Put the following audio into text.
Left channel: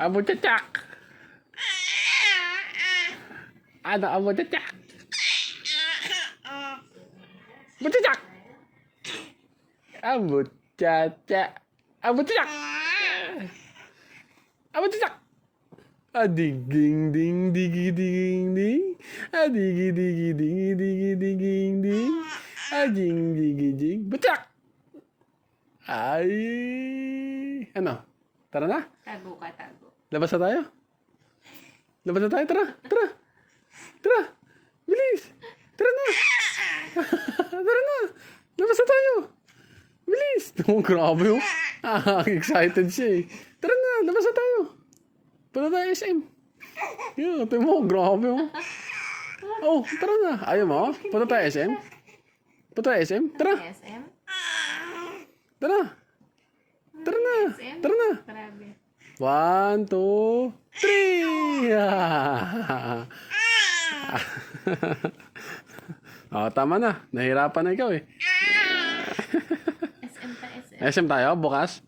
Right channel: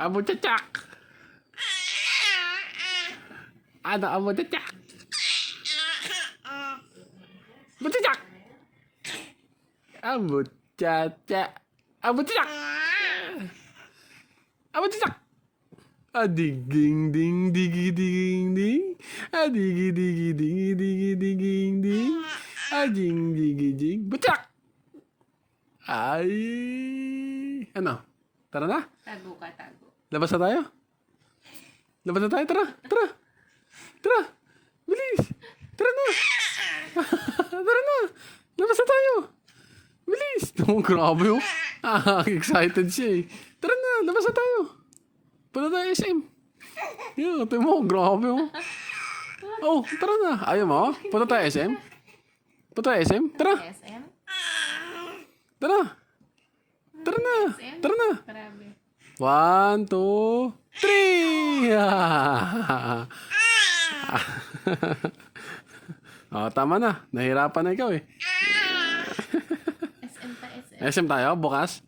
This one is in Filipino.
Amo tsak. Ano amo tsak? Tsak. Amo tsak. Amo tsak. Amo tsak. Adig ding ding digi ding ding. Adigi digi digi digi ding ding. Ading digi ding. Butsak. Ay. Ano? Tara na? Tago ka, tago. Labas na tayo? Labas na tayo? Tara! Tara! Tara! Bilis! Tara na! Tara na! Labas na tayo! Bilis! Oh, grabe oh. Excited siya eh. Tara na! Labas na tayo! Punta tayo SM. Yun, tayo mo. Grabe oh. Oh, tara na. Ayaw mo? Punta tayo SM? Punta tayo SM? Tara! SM? Tara! Tara na! SM? Tara na! Grabe. 1, 2, 3! Oh, tama na. Nahirapan na ikaw eh. SM pa, SM. SM tayo, bukas.